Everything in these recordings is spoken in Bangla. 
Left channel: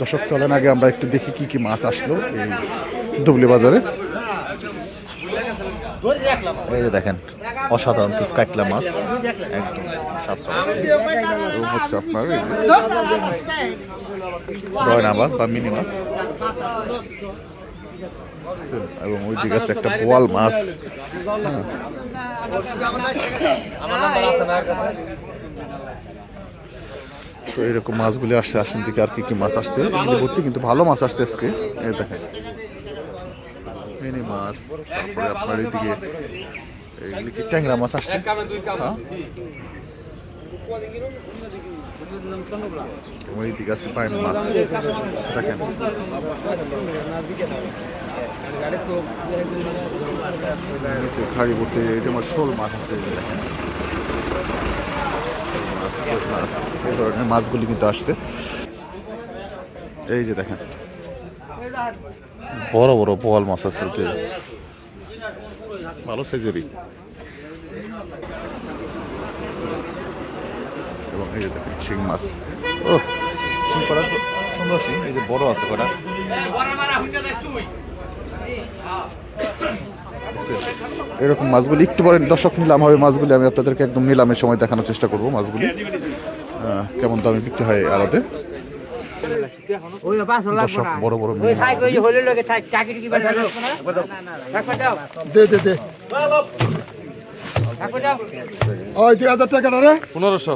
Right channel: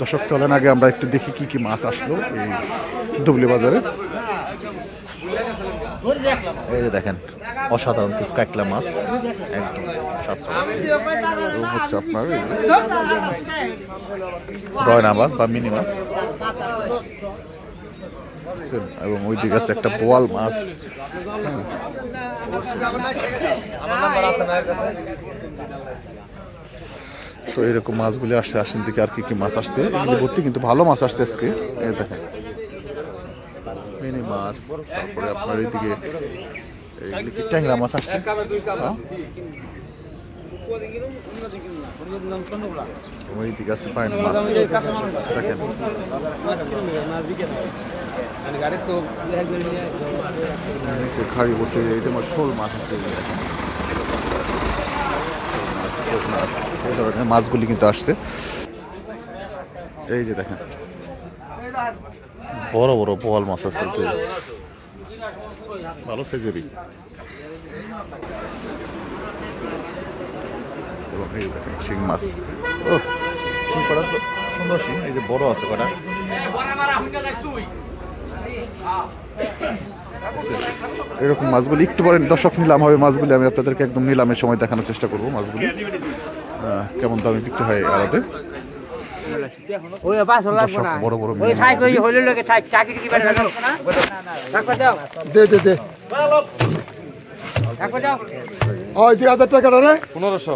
দর্শক চলেন আগে আমরা একটু দেখি কি কি মাছ আসলো এই ডুবলি বাজারে। এই যে দেখেন অসাধারণ কিছু কাঁকড়া মাছ, একদম হচ্ছে আপনার রয়না মাছ বা মিনি মাছ, এবং ওই দিকে আছে একটা বোয়াল মাছ। তো এরকম মাছগুলি আসছে, আসেন দিকে আর কি কি মাছ আসছে, এগুলি ভর্তি কিন্তু ভালো মাছ আসছে আজকে। এই দেখেন মিনি মাছ, তারপরে আপনার এইদিকে এগুলি কি ট্যাংরা মাছ আসছে। হ্যাঁ, ওই দিকে আছে পাইন মাছ দেখেন। নিচে খাড়ি করতে এটা আমার শোল মাছ আছে দেখেন, মাছ এই ধরনের মাছগুলি কিন্তু আসছে। এই যে দেখেন বড় বড় বোয়াল মাছ আছে, ভালো সাইজেরই। এবং এই যে দেখেন শিং মাছ, ও শিং করা তো সুন্দর শিং, এই যে বড় আছে কটা। এরকম মাছগুলি একটু পরে দর্শক নিলাম হবে, মাছগুলি আমি আপনাদেরকে একদম নিলামের সময় দেখানোর চেষ্টা করবো মাছগুলি কেমন দামে বিক্রি হয় আড়তে। দর্শক বড় বড়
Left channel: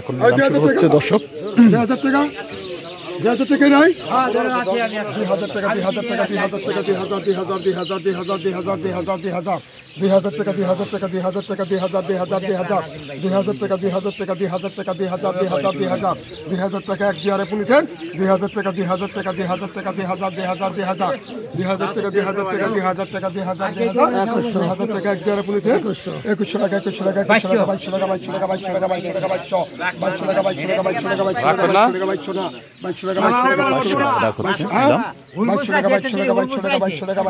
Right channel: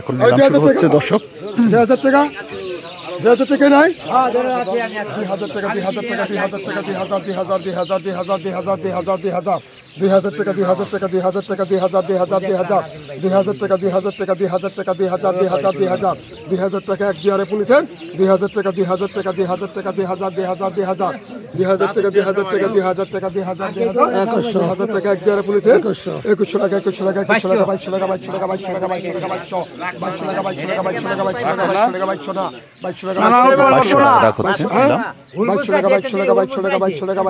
এখন হচ্ছে দর্শক 2000 টাকা 2000 টাকা নাই 2000 টাকা 2000 টাকা 2000 টাকা 2000 2000 2000 2000 2000 2000 2000 2000 টাকা 2000 টাকা 2000 টাকা 2000 2000 2000 2000 টাকা 2000 টাকা 2000 টাকা 2000 2000 2000 2000 টাকা এক দিয়ারে পুলিশেন 2000 টাকা 2000 টাকা 2000 টাকা 2000 2000 2000 2000 টাকা 2000 টাকা 2000 টাকা 2000 2000 টাকা এক দিয়ারে পুলিশেন 2100 টাকা 2100 টাকা 2200 টাকা 2200 টাকা 2200 টাকা 2200 টাকা 2200 টাকা 2200 টাকা 2200 টাকা 2200 টাকা 2200 টাকা 2200 টাকা 2200 টাকা 2200 টাকা 2200 টাকা 2200 টাকা 2200 টাকা 2200 টাকা 2200 টাকা 2200 টাকা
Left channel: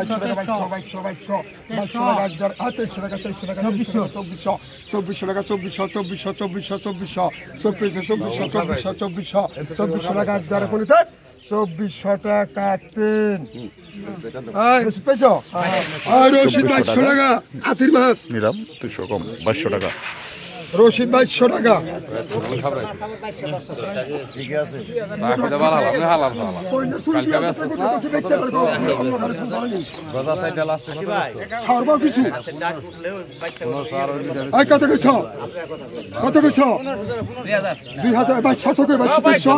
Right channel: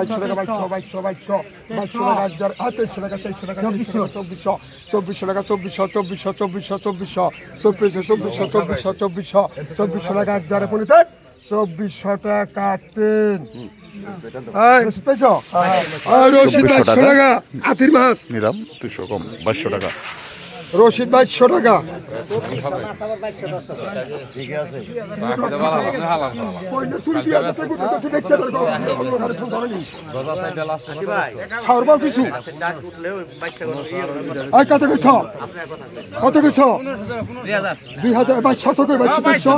2200 টাকা হাতে টাকা 2300 টাকা 2400 2400 টাকা 2400 2400 2400 2400 2400 টাকা এক দ্বারে পড়িতে 2400 টাকা 3 পয়সা আর রশিদ 2200 টাকা হাতির মাছ নিলাম 200 কম 2200 টাকা রশিদ 2200 টাকা ঠিক আছে খাওয়ার কিছু আই কত কইছ 2000 2200 কই 2200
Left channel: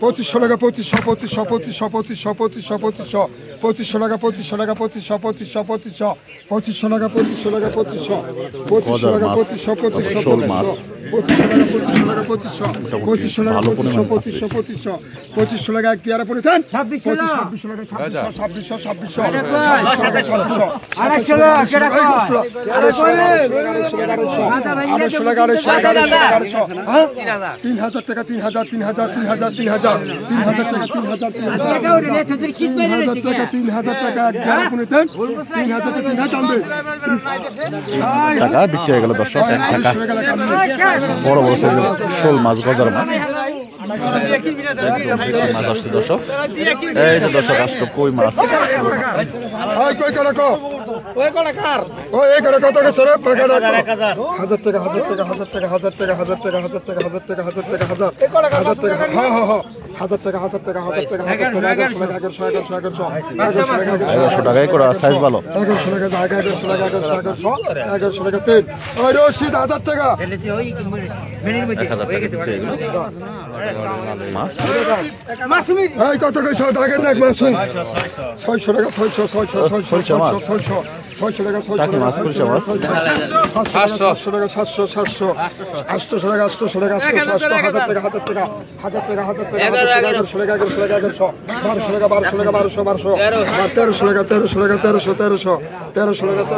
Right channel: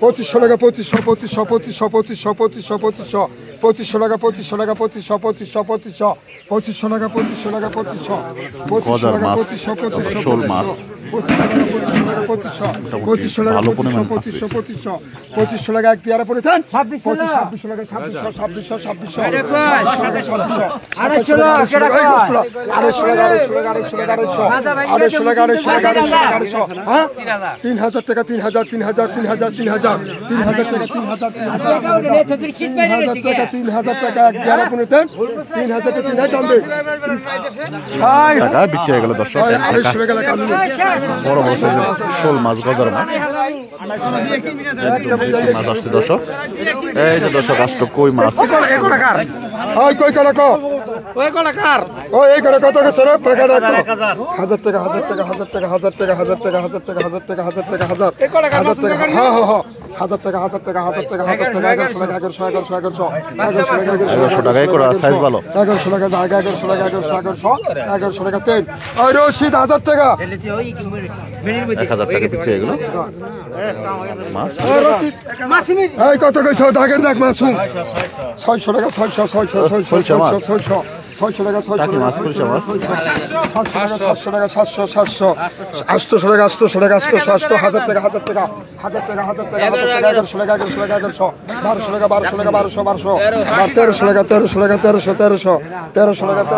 2500 টাকা 2500 টাকা 2500 টাকা 2500 টাকা 2500 টাকা 2500 শোল মাছ ভালো পরিমাণ 2500 টাকা কি আর পড়েছেন 2600 টাকা 2600 3000 টাকা 3000 টাকা 3000 টাকা টাকা বিক্রি হয়ে গেল দর্শক। এক টাকা বড় বড় সাইজের শোল মাছ, গজার মাছ, একদম দেশি মাছ আসছে দর্শক। এই যে দর্শক আসতো কই মাছ, টাকায় করা সাইজ ভালো 1100 টাকা 3 রশিদ 1000 টাকা 1000 টাকা বিক্রি এগুলো মাছ। কত কইছো দাগের দাগ মাছ 600 টাকা 600 টাকা 600 মাছ খুলছে মাছ 700 টাকা 700 800 টাকা 800 টাকা 800 1000 টাকা 1000 টাকা 1000 টাকা 1100 টাকা 1100 টাকা 1200 টাকা 1200 1300 টাকা 1300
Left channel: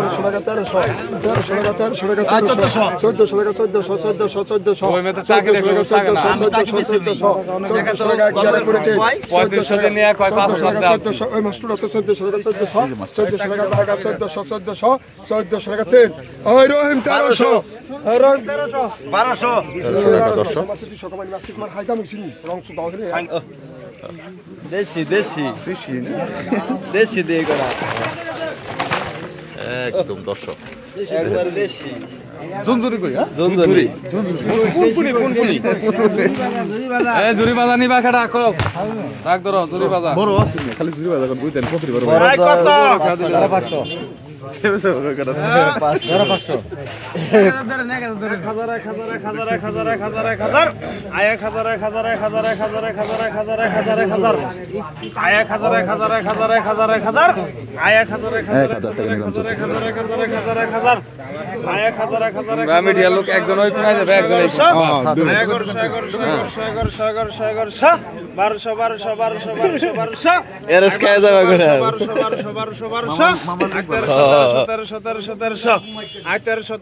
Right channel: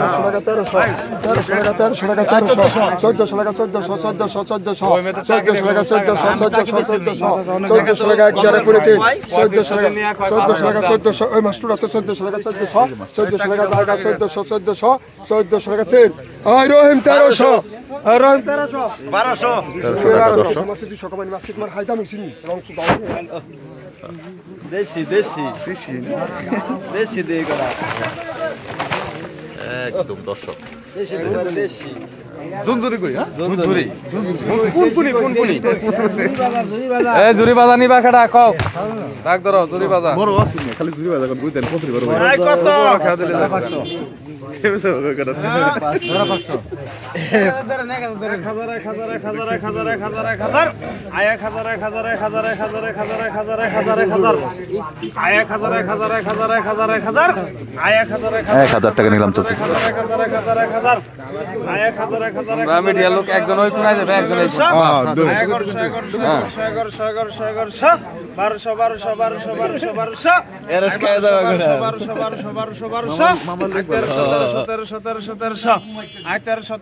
টাকা 1300 টাকা 1300 টাকা 1300 টাকা 1400 টাকা 1400 টাকা ওই মাছটা 1400 টাকা 1400 1400 1400 টাকা 3 ওই রহিম 1300 ওই রহিম 1200 1300 টাকা দর্শক। দেশি দেশি দেশি দিয়ে করা একদম দর্শক একবার দেশি জুনজুরি কই হ্যাঁ জুনজুরি কোনকুনি এ জুরি বাজা নিবা খাড়া কক রাখ ধরো জুরি বাজা বড় আছে না খালি জুরি বাজার বুঝতেন কত বড় ভাই আই কত এসে কত 1000 টাকা নিলাম চলতেছে মিডিয়া লোক একজন ওই কোনায় যাবে একজন এই 1200 এরস কায় যাবে করে মামা লিখবা 1700 আই 1300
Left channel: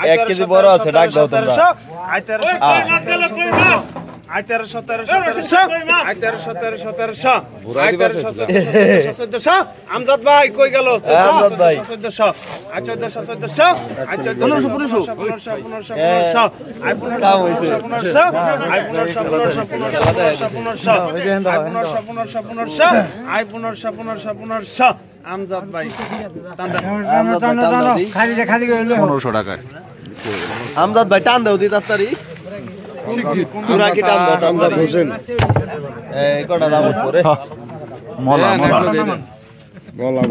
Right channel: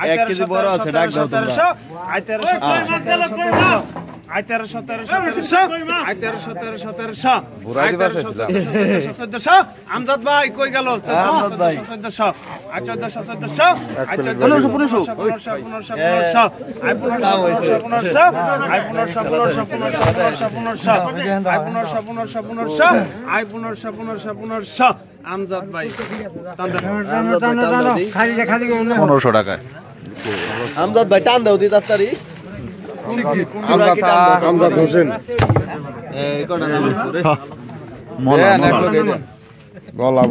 আই 1 কেজি বড় আছে ডাক দাও তোমরা আই 1300 বুড়া দিবা চাইছিলা আমজাদ ভাই কই গেল 1400 আই 1400 আই 1500 আমজাদ ভাই 1500 টাকায় আমজাদ ভাই টান দাও দি তাড়াতাড়ি পুরা কি টান দাও আমজাদ হোসেন এই কটা দাম করে মলা গলা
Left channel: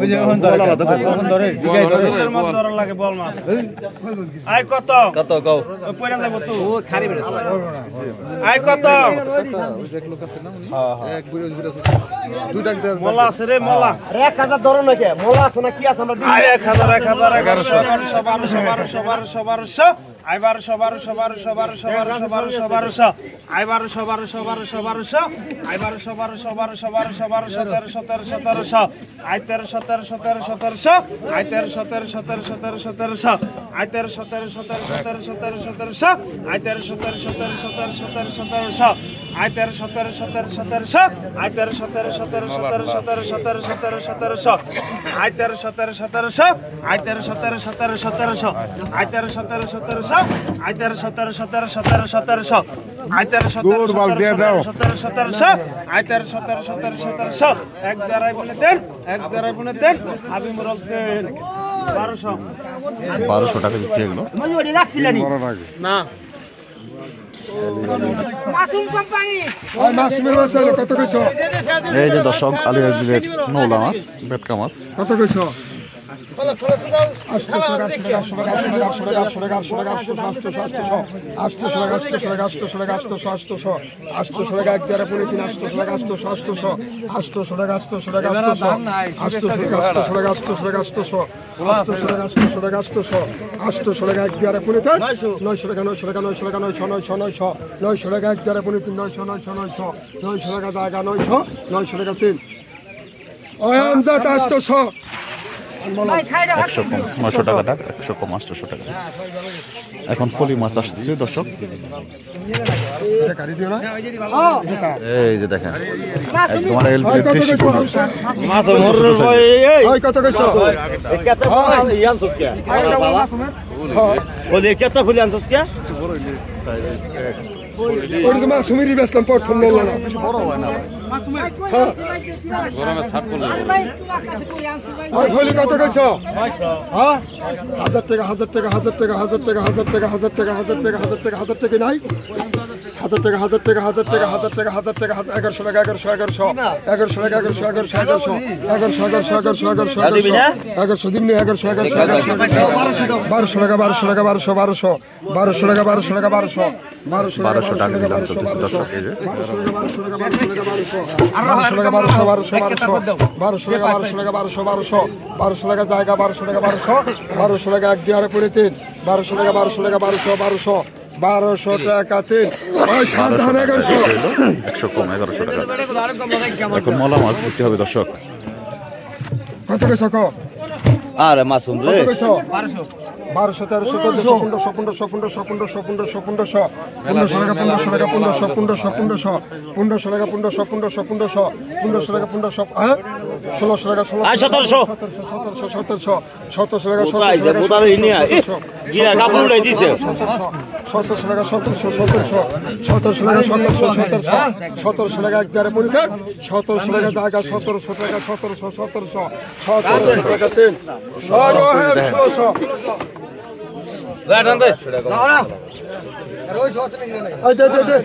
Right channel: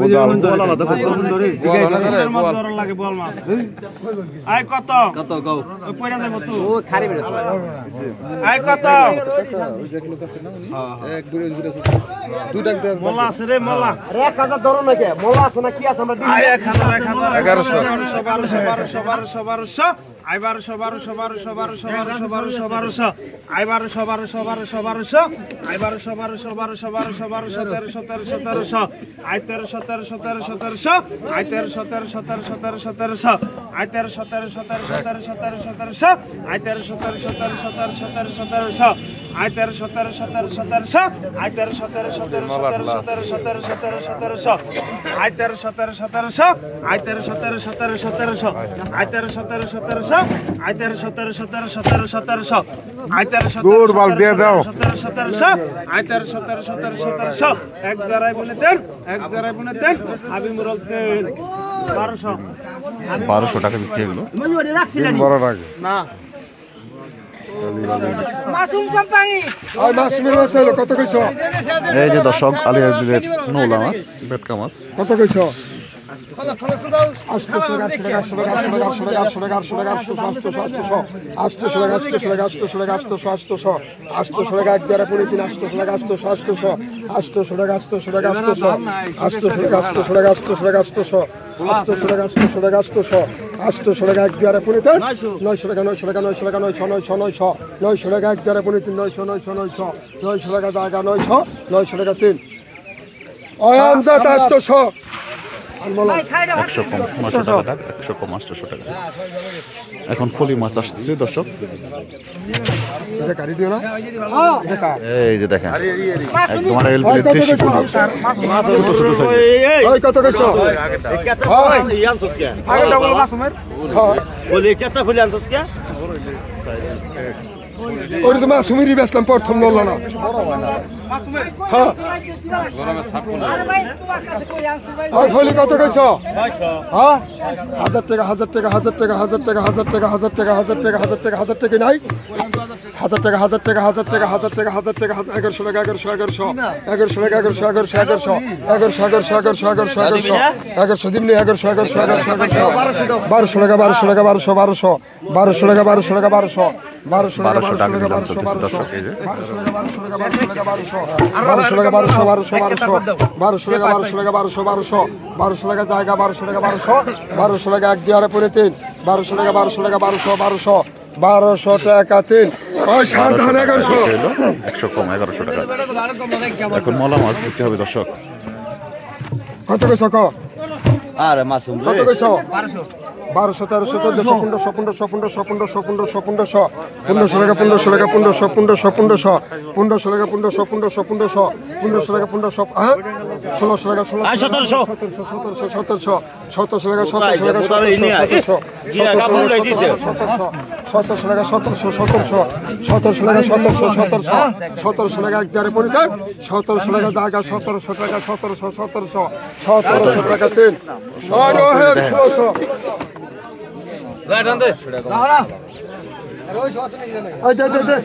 মলা দেখো লাগে বল মাছ আই কত কত গাও ওই পয়রা যাব তো ও খারি বের আই কত ওই যে লোক আছে না উনি এক বুড়ি ওই আছে দুই টাকা দেন মোলা আছে রে মোলা 1000 ধরো না কে মোলা আছে না কি আছে আমরা দিই 1100 I 1200 I 1200 I 1700 I 1300 I 1300 I 1300 I 1300 I 1300 I 1300 I 1300 I 1300 I 1300 I 1300 I 1300 দূর বল দিয়ে দাও 1700 আই 1300 এক দাঁড়াই বলে দেন আবি মুরল 1200 টাকা বিক্রি হলো বড় লাগে না মাসুম কোম্পানি ওই মাসুমের বাসা কত কইছো এই যে দর্শক আলিয়া বিলের নোলা মাছ বেটকা মাছ কত কইছো একশো কম 900 টাকা দাগ 100 কম 800 টাকা এখন ফলি মাছ আসছে দর্শক এই যে দেখেন একদম আর এলবিলের দেশি ফলি ছোট ছোট সাইজ কত কইছো বলে কেটা ফুলি আনছস কে ওর যে মাসুমেরই বেচলাম প্রথম নল না ওই ফলি কত কইছো হ্যাঁ 1000 টাকা 1000 টাকা 1000 টাকা 1000 টাকা 1000 টাকা 1000 টাকা 1000 টাকা 1000 টাকা 1000 টাকা নাই 1000 টাকা 1000 টাকা 1000 টাকা 1000 টাকা 1000 টাকা 1100 টাকা 1100 1100 টাকা 1100 1100 দিন 1100 1200 টাকা 1200 টাকা 1200 টাকা 1200 টাকা নিলাম চলতেছে দর্শক এই যে 1200 টাকা 1200 টাকা জায়গা 1200 টাকা 1200 টাকা এক দিয়ারে পরে 3 1200 টাকা 1200 টাকা 1200 টাকা 3 1200 টাকা বিক্রি হলো 100 কম 1100 টাকা এখন মলা মাছ বিক্রি হবে দর্শক কত কইছো আরে মাসুম রে 1200 1300 1400 1500 1500 1500 1500 1500 1500 টাকা 1500 টাকা 1500 1500 1500 1500 টাকা 1500 1500 1500 1500 টাকা 1500 হ্যাঁ 1600 টাকা 1600 1700 1700 1700 টাকা 1700 টাকা মোদার ইনি গিয়া কাপড় লই দিছে 1700 টাকা 1700 1700 1700 টাকা 1700 1700 টাকা একবারে বলি দেন 1700 টাকা জায়গা 1700 টাকা 1700 1700 টাকা 3 1600 গাড়ান দে এই দে